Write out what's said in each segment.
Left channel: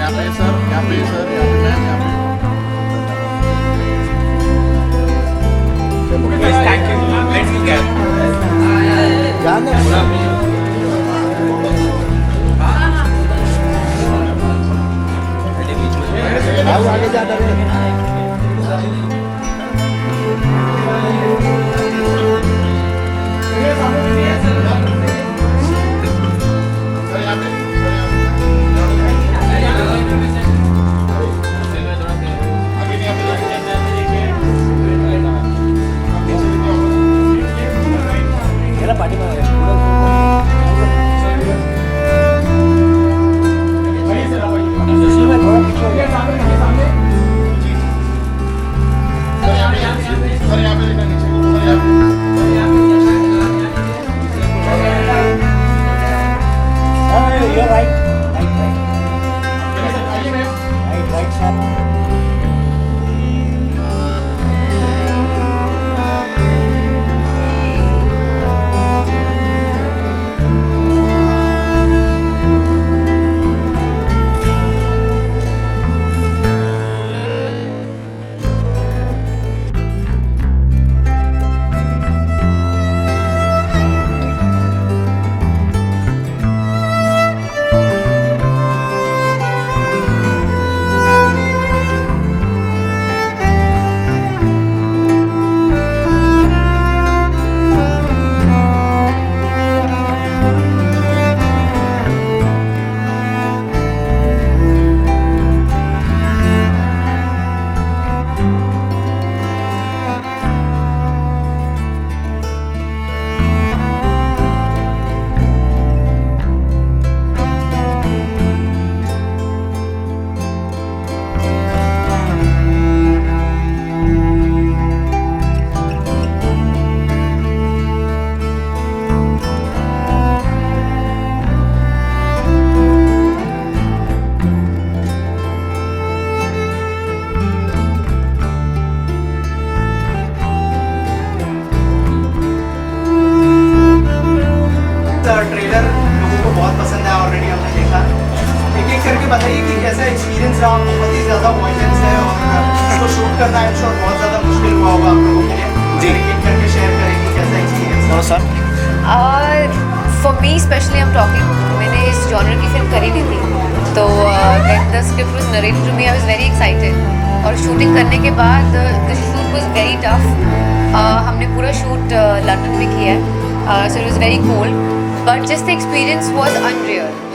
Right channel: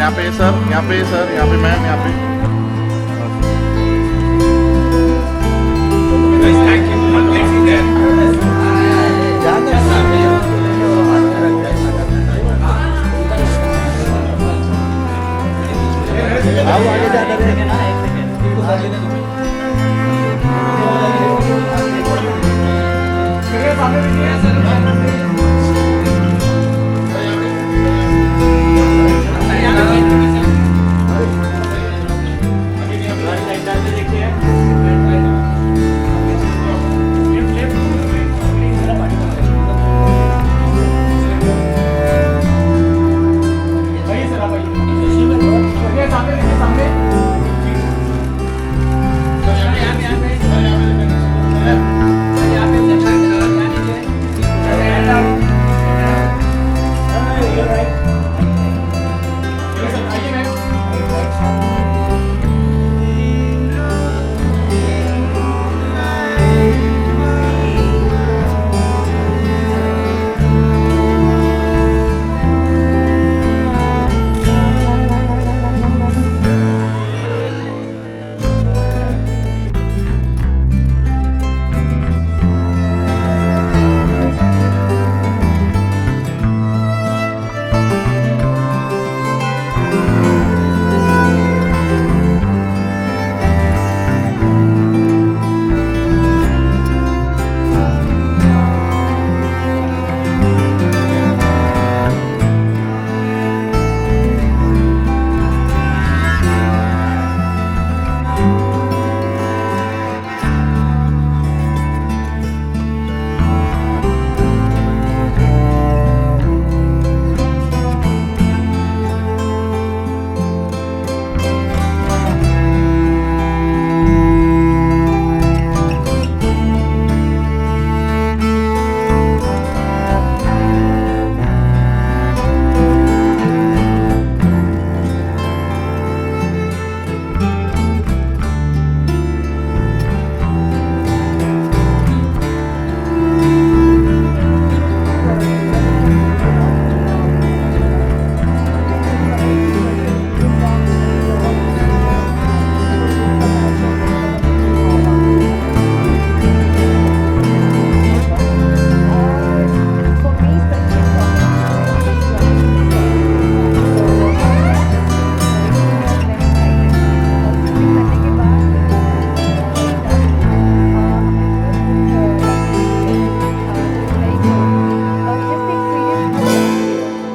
यहाँ पे सर, यहाँ पे सर, यहाँ पे मैं, यहाँ पे आगे जाना है।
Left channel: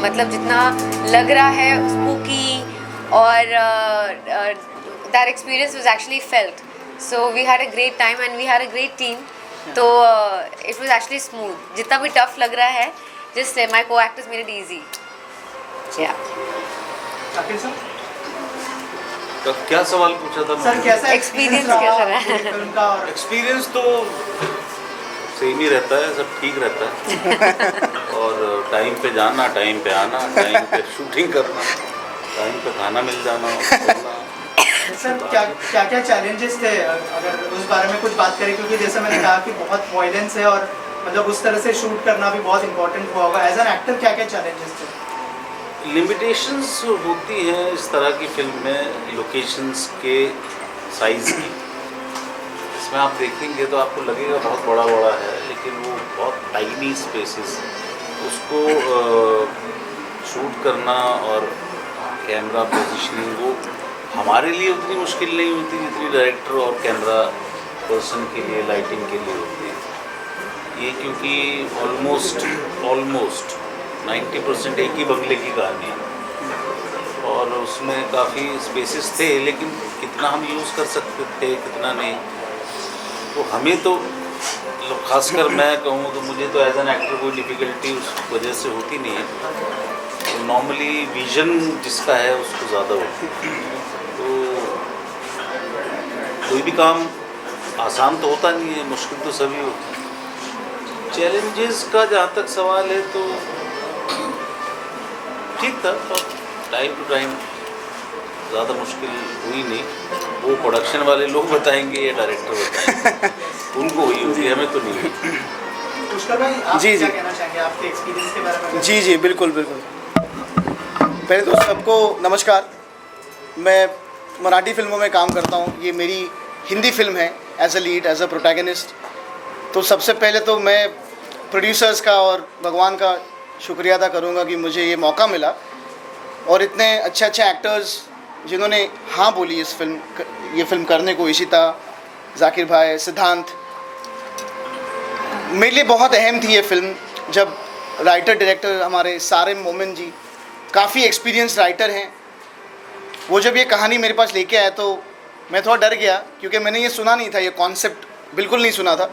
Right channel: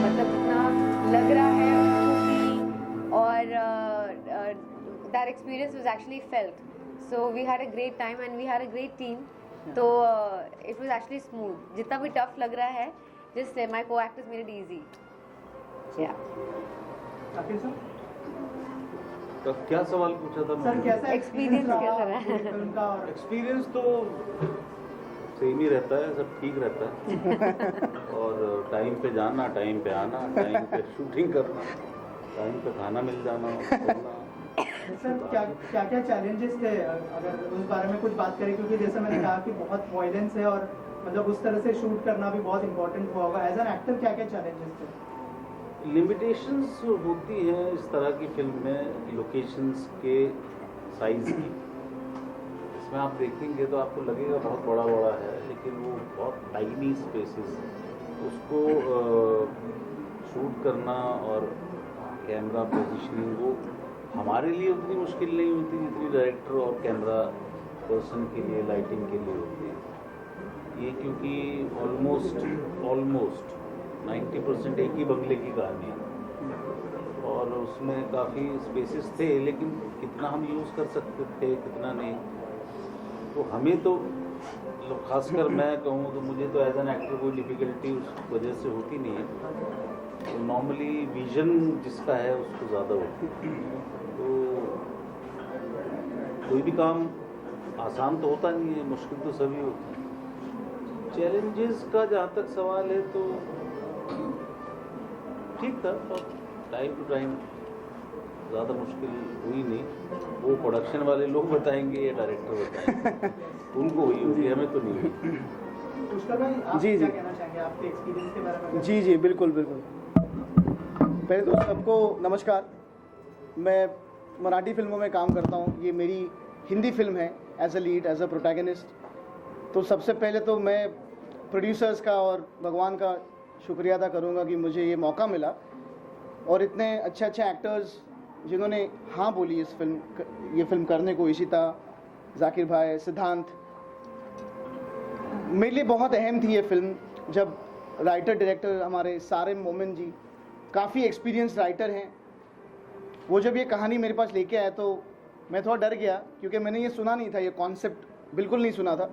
मतलब जितना लग रहा है स्पूकी और that experience was actually felt. So we had a great time and we had a great team. So it was actually smooth. जितना भी tough लग रहा है, just my co-actors made it easy. Yeah. तो क्या सवाल पूछा था सर? कैसा एक्सपीरियंस कैसा रहा? फिल्म का? और एक्सपीरियंस तो सेम ही रहता है, सब ठीक रहता है और टाइम पे जाना, टाइम पे आना, टाइम पे शूटिंग करना, टाइम पे खाना मिल जाना, सर क्या क्या चैलेंजेस थे, अगर उस बारे में कुछ बात करें, क्योंकि जैसे मैंने कहा कि बहुत वॉयलेंस है और मतलब उस तरह से शूट करना भी बहुत इंपॉर्टेंट हुआ होगा। एज एन एक्टर क्या क्या चैलेंजेस थे? लिमिटेशंस होती हैं इस तरह की फिल्म में, लोकेशंस के साइज़ की। इसमें आप देखेंगे तो आपको लगेगा बहुत बड़ा बड़ा है, लेकिन वो बहुत टाइनी स्पेसेस, उसको शूट करना और कैमरा पोजीशनिंग वो हमारे लिए उतनी मुश्किल नहीं होती जितनी डायरेक्टर और कैमरा पर्सन के लिए, लाइटिंग के लिए होती है ये, क्योंकि ऑलमोस्ट 90% एक ही बंगले की कहानी है और उसमें काफ़ी स्पेसेस थे, लेकिन कितना हम यूज़ कर सकते थे कितना नहीं, तो हमें तो मतलब खासकर मैं कहूँ तो मुझे तो एज एन एक्टर कोई डिफ़िकल्टी उस वजह से होती नहीं है। तो नॉर्मली विजन जिसका है उसको ज़्यादा होती है, तो कोई भी काम आसान तो होता नहीं है, मुश्किल तो सभी होती है। चैलेंजेस का जहाँ तक सवाल है तो ठीक था, टाइम टू टाइम ज़्यादा मुश्किल हुई नहीं, वो प्रोडक्शन वाले लोग बताएंगे या डायरेक्टर बताएंगे। उनको हुई होगी, हमें तो नहीं हुई। पुष्कर भाई आप जी, क्या जी। कहना चाहेंगे आपके एक्सपीरियंस के बारे में? जी जी बिल्कुल बिल्कुल। पहले तो सबको नमस्कार। मैं मराठी फिल्मों में काम करता हूँ, ये मेरी हिंदी फिल्म है as a lead, as a protagonist. तो सबसे पहले तो मैं प्रोड्यूसर्स का और भगवान का शुक्रिया अदा करूँगा कि मुझे ये मौका मिला और इतने अच्छे अच्छे एक्टर्स जिन्होंने हाँ बोली ये फिल्म करने को, इशिता, जाकिर भाई, सिद्धांत। मेरे लिए बहुत अहम थी ये फिल्म। जब राइटर डायरेक्टर हमारे सारिम मोमिन जी काफ़ी एक्सपीरियंस राइटर हैं, वो जब ये कहानी मेरे पास लेके आए तो मैं थोड़ा डर गया, क्योंकि मैंने ये सुना नहीं था, ये कॉन्सेप्ट बिल्कुल नहीं सुना था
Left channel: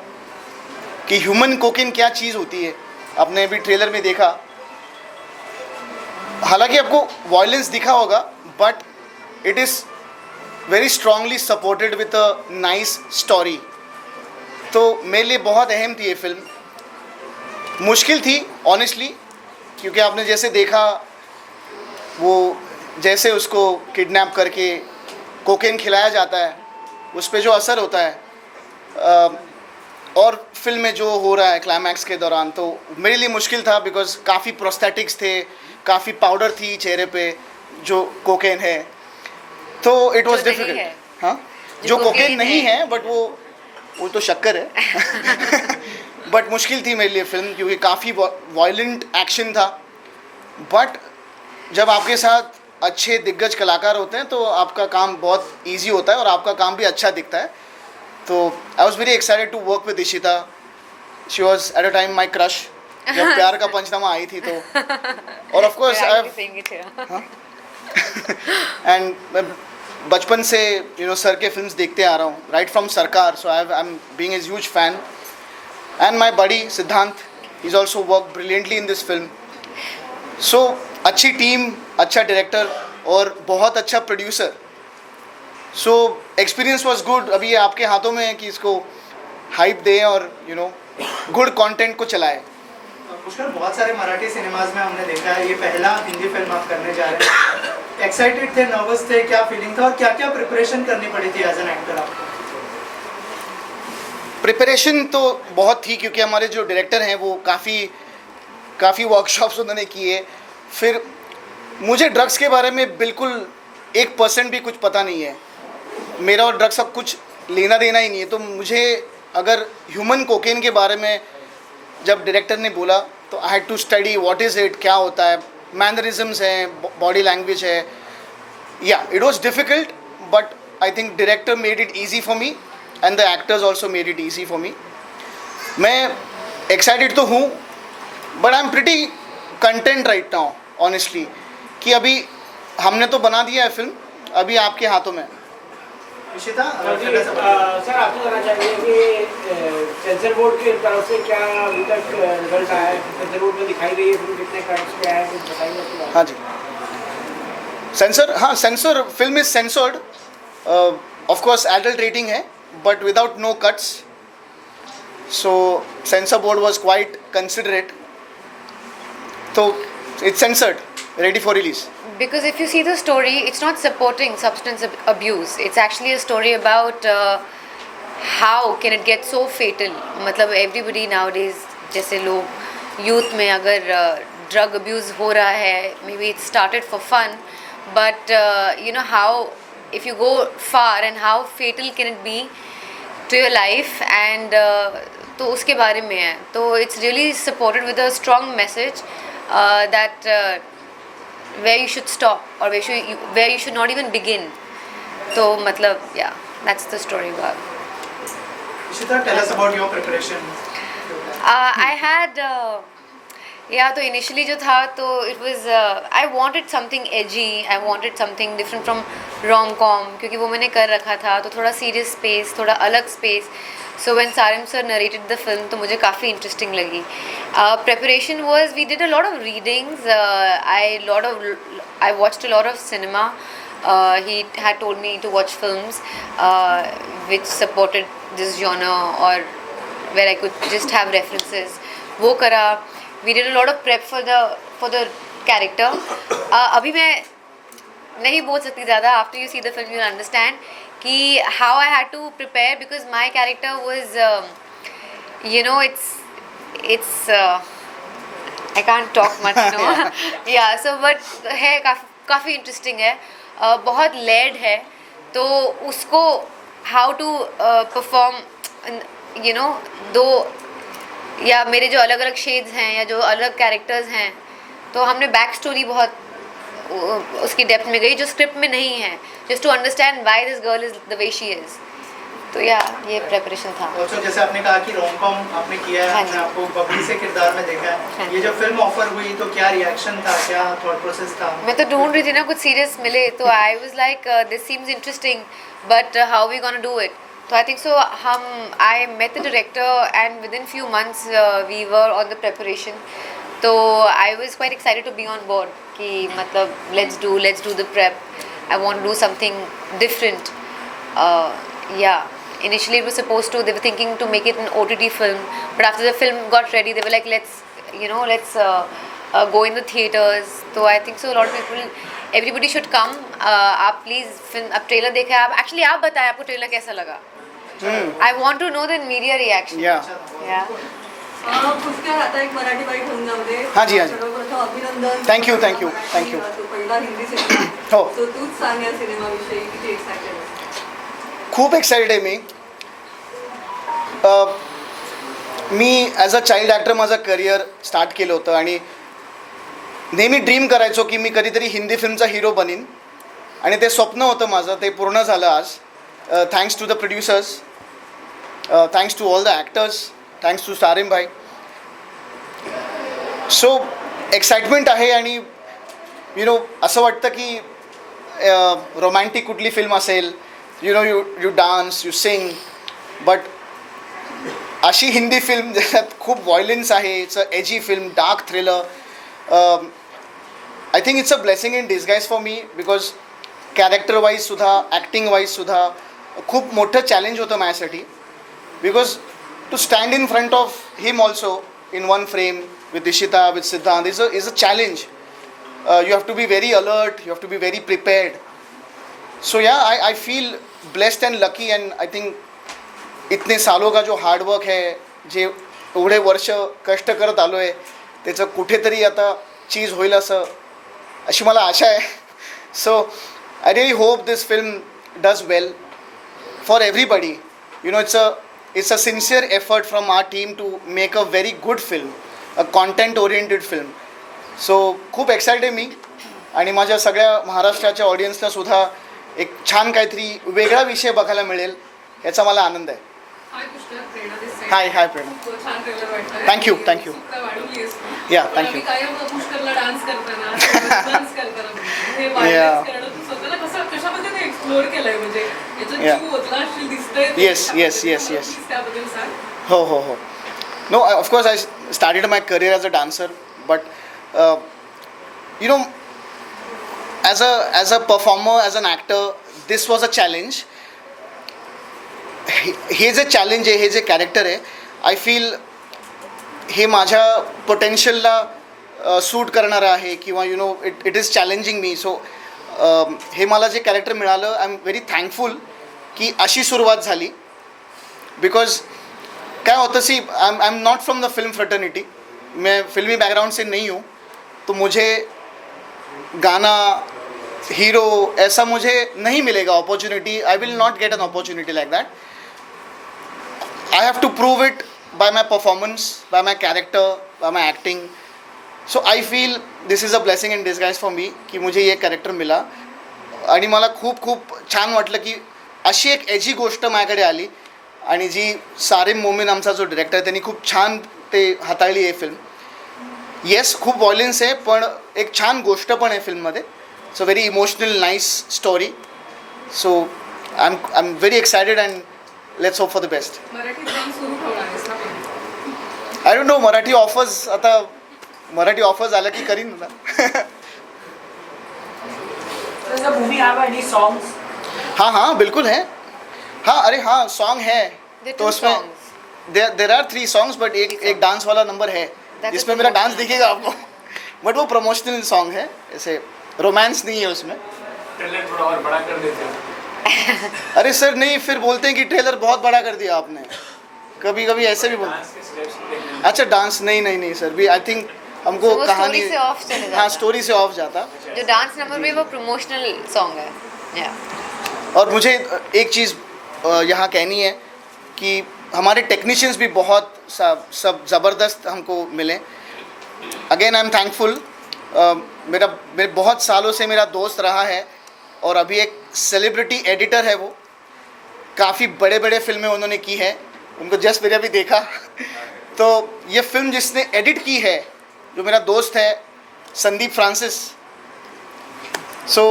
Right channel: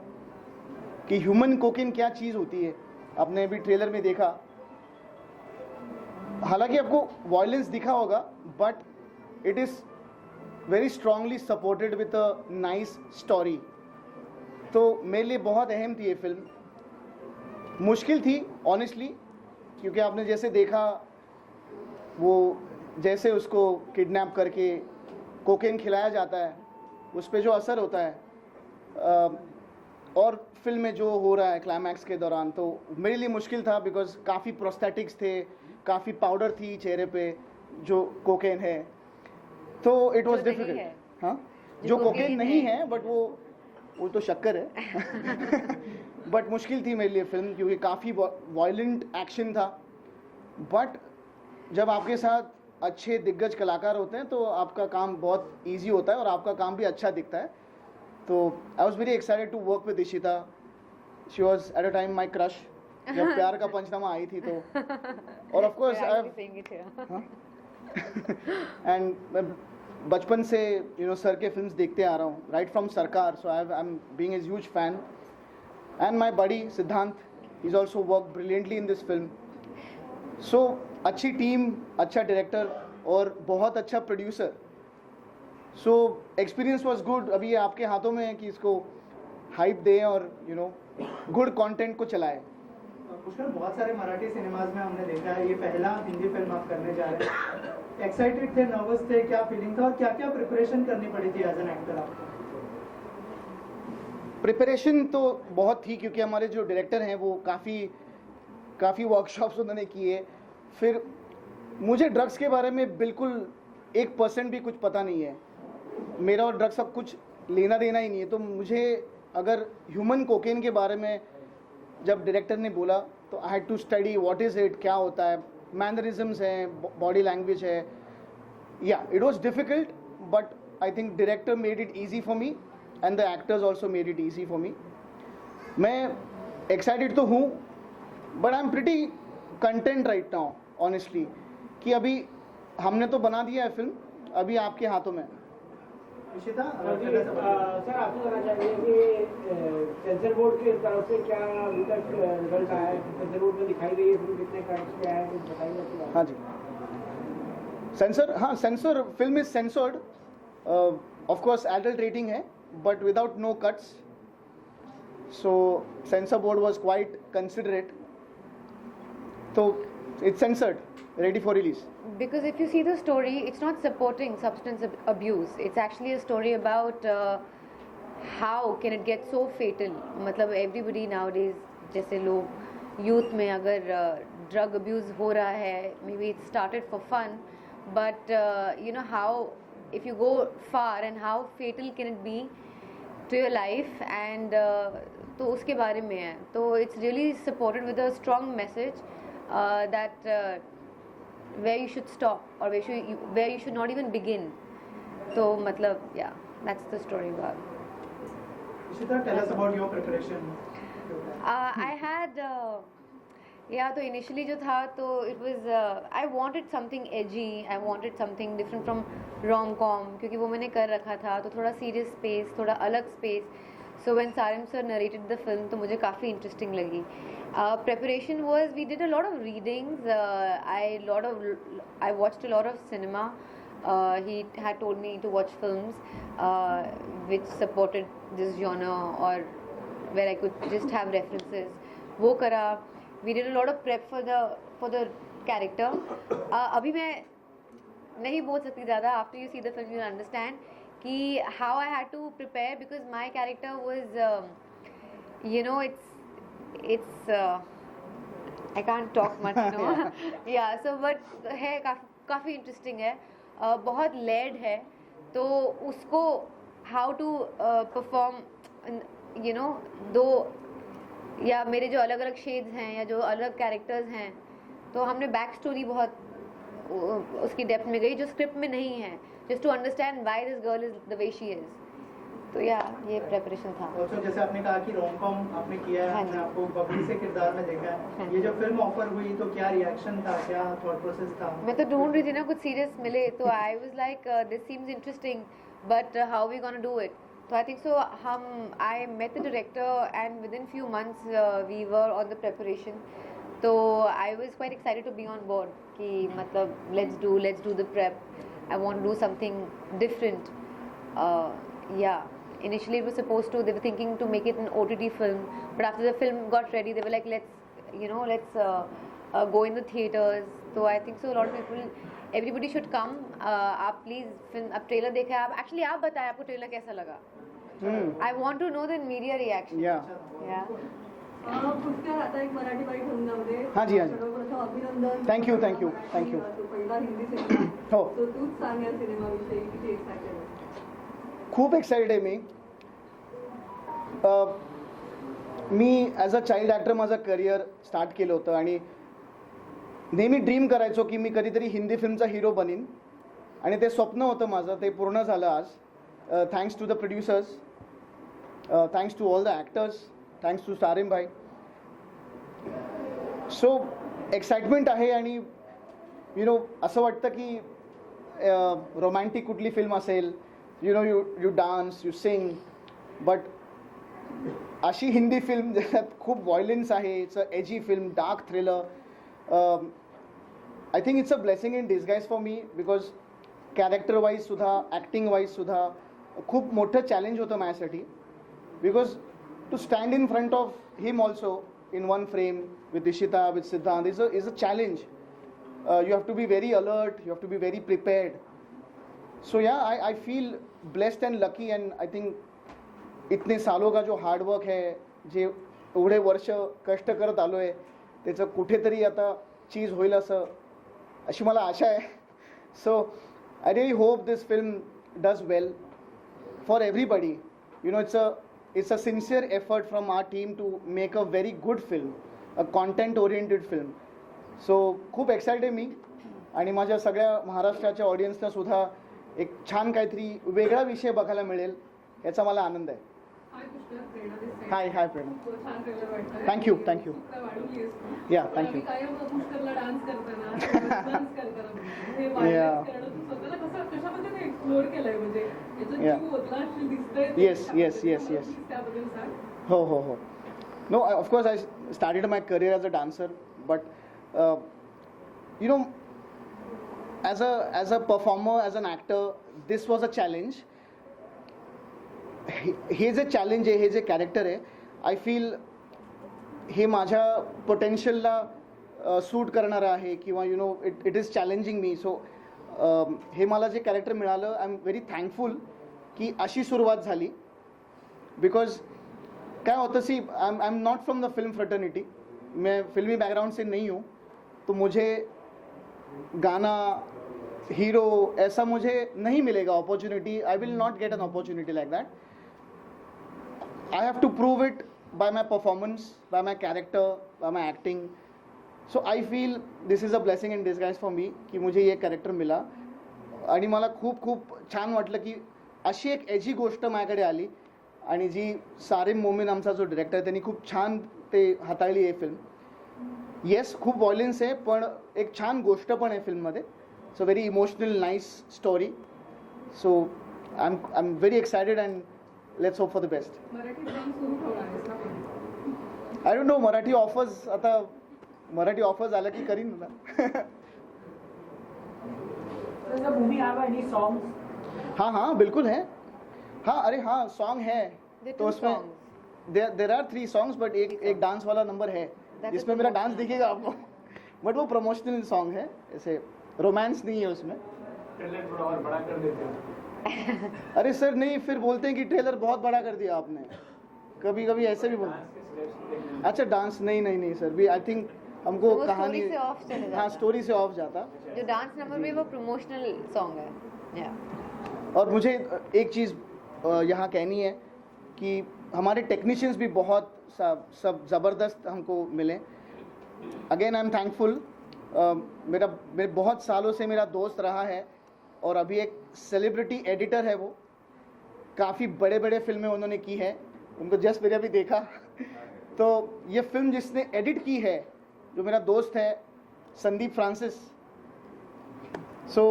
कि ह्यूमन कोकेन क्या चीज़ होती है। आपने अभी ट्रेलर में देखा, हालांकि आपको वायलेंस दिखा होगा, but it is very strongly supported with a nice story. तो मेरे लिए बहुत अहम थी ये फिल्म। मुश्किल थी ऑनेस्टली, क्योंकि आपने जैसे देखा वो जैसे उसको किडनैप करके कोकेन खिलाया जाता है, उस पर जो असर होता है और फिल्म में जो हो रहा है क्लाइमैक्स के दौरान, तो मेरे लिए मुश्किल था बिकॉज काफ़ी प्रोस्थेटिक्स थे, काफ़ी पाउडर थी चेहरे पे जो कोकेन है, तो इट वाज जो नहीं डिफिकल्ट। है। हाँ, जो जो कोकेन कोकेन नहीं है। है, बट वो तो शक्कर है। बट मुश्किल थी मेरे लिए फिल्म, क्योंकि काफ़ी वायलेंट एक्शन था। बट जब आपके साथ अच्छे दिग्गज कलाकार होते हैं तो आपका काम बहुत इजी होता है और आपका काम भी अच्छा दिखता है। तो I was very excited to work with Ishita. She was at a time my crush जब प्यार का पंचनामा आई थी तो। और ऑफ कोर्स एंड मैं बचपन से सर के फिल्म्स देखते आ रहा हूँ, right from Sarkar. So I am being a huge fan. And my buddy Siddhant is also work brilliantly in this film. So अच्छी टीम, अच्छा डायरेक्टर और बहुत अच्छा producer. So experience was good. अभी ये आपके हाथों में है कि इसको हाइप दें और गुड कंटेंट को चलाएं। पुष्कर, बहुत सारे मराठी सिनेमाज में हमने देखा है, ये पहला हिंदी फिल्म आप करने जा रहे हैं। एक्साइटेड थे, नर्वस थे, क्या फीलिंग था और क्या क्या प्रिपरेशन करनी पड़ी थी एज एन एक्टर आपको? प्रिपरेशन तो बहुत थी, क्योंकि हमारे जो डायरेक्टर हैं वो काफ़ी वर्कशॉप्स उन्होंने किए। फिर मुझे ड्रग्स के बारे में बिल्कुल 1% भी कुछ पता नहीं है। मेरा और ड्रग्स का कुछ लेना देना ही नहीं है। तो मुझे अगर ह्यूमन कोकेन के बारे में जब डायरेक्टर ने बोला तो I had to study what is it, क्या होता है, मैनरिज्म्स हैं, बॉडी लैंग्वेज है। या it was difficult, but I think director made it easy for me and the actors also made it easy for me. मैं excited तो हूँ, but I am pretty content right now honestly, कि अभी हमने तो बना दिया है फिल्म, अभी आपके हाथों में। इशिता, सर आपको कहना चाहिए कि सेंसर बोर्ड की तरफ से क्या अभी तक रिजल्ट आया है? सेंसर बोर्ड में दिखाई गई है फिल्म, कितने कट्स पे आया है, कुछ बताइए। हाँ जी, censor film is censored. Of course adult rating है, but without no cuts. So censor board was quite considerate. तो it's censored, ready for release. Because if you see the story, it's not supporting substance abuse. It's actually a story about how can it get so fatal. मतलब everybody nowadays, जैसे लोग youth में अगर drug abuse हो रहा है, maybe it started for fun, but you know how if you go far and how fatal can it be to your life, and तो उसके बारे में है। तो it's really supported with a strong message that where you should stop or where you should not even begin. तो मतलब yeah, that's the story about. Ishita, tell us about your preparation. I had तो initially जो था तो it was I wanted something edgy, I wanted something different from rom-com, क्योंकि वो मैंने कर रखा था, तो थोड़ा serious space, थोड़ा अलग space. So when Sarim sir narrated the film, तो मुझे काफ़ी interesting लगी. Preparation was, we did a lot of readings. I watched a lot of cinema. He had told me to watch films which supported this genre or where I could just have references. वो करा. We did a lot of prep for the character. अभी मैं नहीं बोल सकती ज़्यादा. After you see the film you understand कि how I had to prepare because my character was you know it's I can't talk much, no. Yeah, so but है काफ़ी interesting है, बहुत लेड है, तो उसको how to perform you know दो या मेरे जो अलग अलग शेड्स हैं या जो अलग कैरेक्टर्स हैं, तो हमने बैक स्टोरी बहुत उसकी डेप्थ में गई जो स्क्रिप्ट में नहीं है, just to understand why this girl is the way she is. तो या ये प्रेपरेशन था. और जैसे आपने कहा कि रोम कॉम आपने किया है, हाँ हमने जी. आपको बबली से किरदार में देखा हाँ है, ये जब फिल्म ऑफर हुई तो क्या रिएक्शन था, क्या थॉट प्रोसेस था? मैं तो ढूंढ रही थी ना कुछ सीरियस मिले, तो I was like this seems interesting but how we gonna do it. तो I think so I met the director and within few months we were on the preparation. तो I was quite excited to be on board कि मतलब let's do the prep. I want to do something different. या initially it was supposed to, they were thinking to make it an OTT film, but after the film got ready they were like let's go in the theaters. So I think so a lot of people, everybody should come. आप please film, आप trailer देखा है, आप actually आप बताएं आपको trailer कैसा लगा. I want to know the media reaction. Yeah. Pushkar आता एक मराठी बाईट होऊन जाऊ दे. हाँ जी, हाँ जी. सर्वप्रथम अभिनंदन. Thank you. तो पहिला हिंदी सिनेमा. हो. तो तूच सांग या सिनेमाविषयी किती एक्साइटेड आहेस? खूप एक्साइटेड आहे मी. मी ॲज अ चाइल्ड ॲक्टर माझं करिअर स्टार्ट केलं होतं आणि नेहमी ड्रीम करायचो की मी कधीतरी हिंदी फिल्मचा हिरो बनीन, आणि ते स्वप्न होतं माझं, ते पूर्ण झालं आज. Thanks to the producers, thanks to all the actors, thanks to Sarim भाई. सो एक्साइटमेंट आहे आणि असं वाटतं की रोमॅन्टिक कुठली फिल्म असेल, you dance, you sing, but अशी हिंदी फिल्म ज्याच्यात खूप व्हायलन्स आहे, it's a edgy film, dark thriller. I think it's a blessing in disguise for me, because character वाईजसुद्धा, ॲक्टिंग वाईजसुद्धा खूप मोठं चॅलेंज होतं माझ्यासाठी, because to stand in front of him also in one frame with Dishita, with Siddhant is a challenge. You have to be very alert, you have to be very prepared. सो या I feel blessed and lucky, and I think इतने सालों का जो hard work है, जे एवढे वर्ष कष्ट करत आलो आहे, त्याचं कुठेतरी आता चीज होईल अशी मला आशा आहे. So I really hope this film does well for everybody. It's a sincere effort from our team to make a very good film, a content oriented film. So खूप एक्सायटेड आहे मी, आणि माझ्या सगळ्या महाराष्ट्राच्या ऑडियन्सलासुद्धा एक छान काहीतरी वेगळा विषय बघायला मिळेल याचा मला आनंद आहे. हाय प्रेरणा. Thank you. या थँक्यू. पुष्करला डान्स करताना डान्स करताना कशामध्ये ते एक्सप्लोर केलंय, म्हणजे याचा जीव ओतला असेल दिसतंय. Yes. त्याबद्दल सांग. हो. No, of course I started my career as a dancer, but as a performer, as an actor, this was a challenge. हे जे चॅलेंज आहे, हे जे कॅरेक्टर आहे, आय फील हे माझ्या पोटेन्शियलला सूट करणारं आहे, किंवा इट इज चॅलेंजिंग मी. सो हे मला जे कॅरेक्टर मिळालं, आय एम व्हेरी थँकफुल की अशी सुरुवात झाली. बिकॉज क्या होता सी, I am not from the film fraternity, मैं फिल्मी बैकग्राउंड से नहीं हूँ, तो मुझे गाना, हीरो ऐसा मुझे नहीं मिलेगा opportunity. I will not get an opportunity like that. I have to prove it by my performance, by my character, by my acting. So I feel this is a blessing in disguise for me की मुझे ये character मिला, आणि मला खूप छान वाटलं की अशी एक एजी गोष्ट माझ्याकडे आली, आणि जी सारिम मोमीन आमचा जो डिरेक्टर आहे त्यांनी खूप छान ते हाताळली आहे फिल्म. येस, खूप व्हायलन्स आहे, पण एक छान गोष्ट पण आहे फिल्ममध्ये. It's a very emotional nice story. So I am very excited, and let's hope for the best. Marathi drama सुरू ठेवणार आहेस ना पण? I don't know, Marathi offers आल्या की करीन ना. Does the movie have any songs? हाँ बिल्कुल है. हाँ, अरे हाँ, सॉन्ग है. There are तो two उसमें songs. There are 3 songs, but एक डांस वाला नंबर है That's जिसमें a मेरा डांस promotional दिखेगा आपको. बट वो प्रमोशनल सॉन्ग है, ऐसे रोमांस नहीं है उसमें. ट्रेलर थोड़ा और बड़ा कर देते हो। अरे सर नहीं, फिर बोलते हैं कि ट्रेलर बहुत बड़ा कर दिया आपने, कभी कभी ऐसे भी बोलते डांस के स्टेप्स देखने हैं। अच्छा डांस नहीं सर, भी आई थिंक हमको So, वो कहानी story से off चले हाँ जाता। स्टोरी से ऑफ जाता। जो डांस नंबर में वो प्रमोशनल सॉन्ग है। और मुझे एक चीज़ यहाँ कहनी है कि हमारे टेक्नीशियंस भी बहुत सब ज़बरदस्त हमको मिले। Again I am thankful. मेरे बहुत सालों से मेरा दोस्त रहा है और अभी एक सेलिब्रिटी एडिटर है। वो काफ़ी बड़े बड़े फिल्में उन्होंने की है, उनको जस्ट मेरे अभी देखा तो ये फिल्म जिसने एडिट की है जो मेरा दोस्त है संदीप फ्रांसिस। सो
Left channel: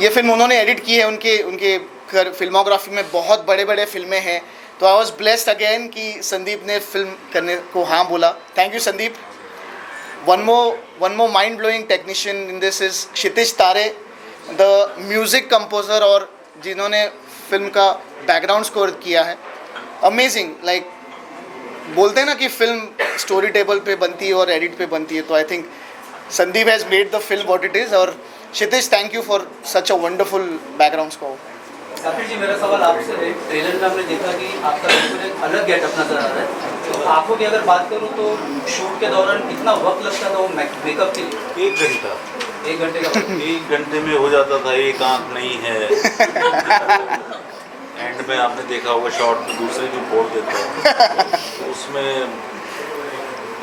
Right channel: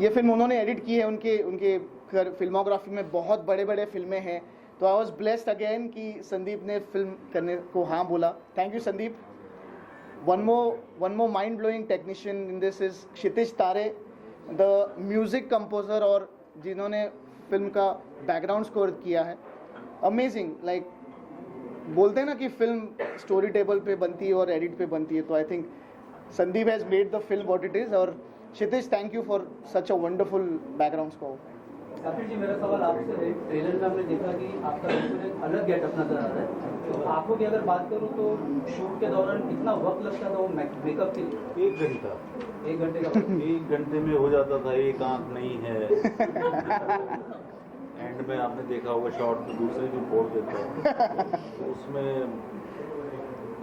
ये फिल्म उन्होंने एडिट की है। उनके फिल्मोग्राफी में बहुत बड़े बड़े फिल्में हैं, तो आई वॉज ब्लेस्ड अगेन कि संदीप ने फिल्म करने को हाँ बोला। Thank you Sandeep. One more mind blowing technician in this is Kshitij Tare, the music composer और जिन्होंने फिल्म का बैकग्राउंड स्कोर किया है। अमेजिंग, लाइक बोलते हैं ना कि फिल्म स्टोरी टेबल पे बनती है और एडिट पे बनती है, तो I think Sandeep has made the film what it is. और Kshitij thank you for such a wonderful background score. Safir ji, मेरा सवाल आपसे है, ट्रेलर में हमने देखा कि आपका बिल्कुल एक अलग गेटअप नजर आ रहा है, तो आंखों की अगर बात करूं तो शूट के दौरान कितना वक्त लगता था वो मेकअप के लिए? 1 घंटा, 1 घंटे का वक्त। 1 घंटे में हो जाता था। एक आंख नहीं है एंड में आपने देखा होगा शॉट में दूसरे भी फोड़ देता है, तो उसमें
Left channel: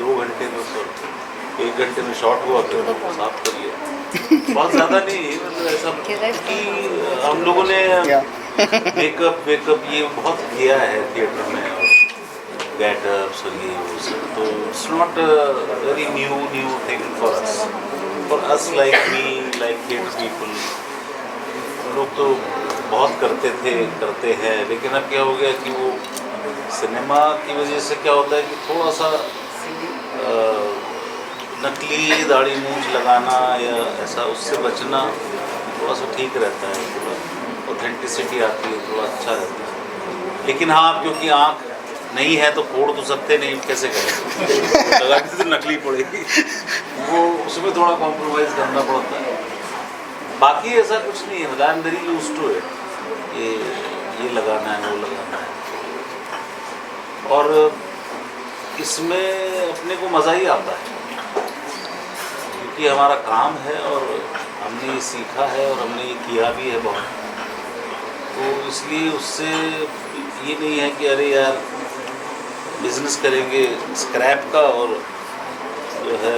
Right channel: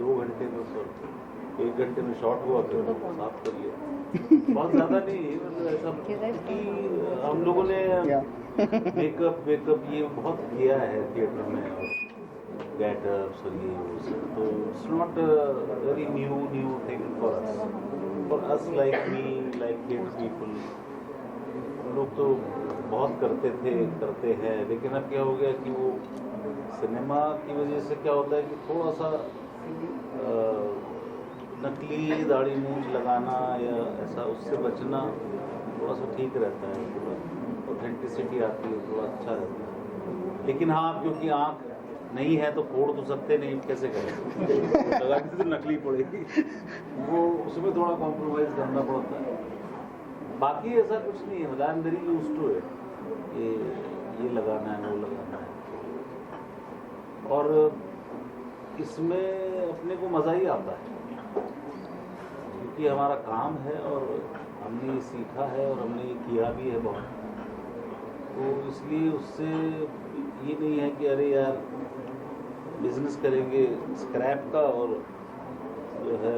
2 घंटे में ऊपर 1 घंटे में शॉट हुआ, फिर साफ कर लिया। बहुत ज़्यादा नहीं, मतलब ऐसा कि हम लोगों ने मेकअप ये बहुत किया है थिएटर में, और गेटअप्स और ये वो सब, तो it's not very new thing for us like me, like theatre people. लोग तो बहुत करते हैं, लेकिन अब क्या हो गया कि वो सिनेमा की वजह से क्या होता है कि थोड़ा सा नकली दाढ़ी मूंछ लगाना या ऐसा, उससे बचना थोड़ा सा ठीक रहता है, थोड़ा ऑथेंटिसिटी आती है, थोड़ा अच्छा रहता है। लेकिन हाँ, क्योंकि आँख नहीं है तो फोड़ तो सकते नहीं, कैसे करें, लगा के तो नकली पड़ेगी, वो उसमें थोड़ा कॉम्प्रोमाइज़ करना पड़ता है। बाकी ऐसा कुछ नहीं है, मतलब I am very used to it, ये लगाना है, वो लगाना है, और इसमें अपने को मज़ा ही आता है क्योंकि हमारा काम है और हमने ये सीखा है और हमने ये किया भी है बहुत, तो इसलिए उससे ये नहीं है कि अरे यार बिजनेस करेंगे स्क्रैप का और जो है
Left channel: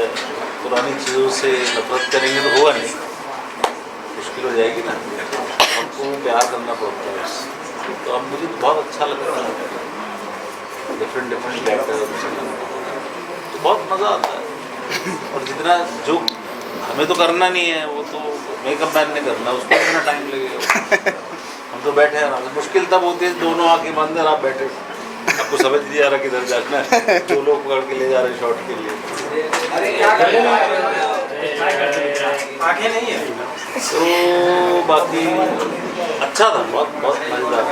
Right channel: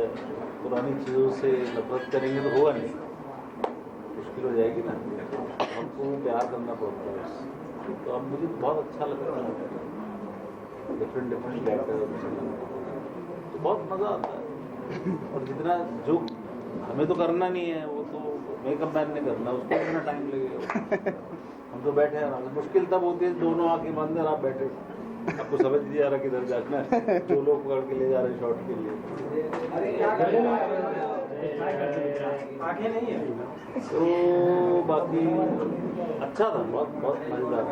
पुरानी चीज़ों से नफरत करेंगे तो होगा नहीं, मुश्किल हो जाएगी ना, हमको प्यार करना पड़ता है उससे। तो अब मुझे तो बहुत अच्छा लगता है, डिफरेंट कैरेक्टर, तो बहुत मज़ा आता है। और जितना जो हमें तो करना नहीं है, वो तो मेकअप मैन ने करना, उसको कितना टाइम लगेगा। हम तो बैठे हैं, मुश्किल तब होती है दोनों आँखें बंद है, आप बैठे, आपको समझ नहीं आ रहा किधर जाना है, जो लोग पकड़ के ले जा रहे हैं शॉट के लिए। आंखें नहीं है तो बाकी अच्छा था, बहुत मज़ेदार।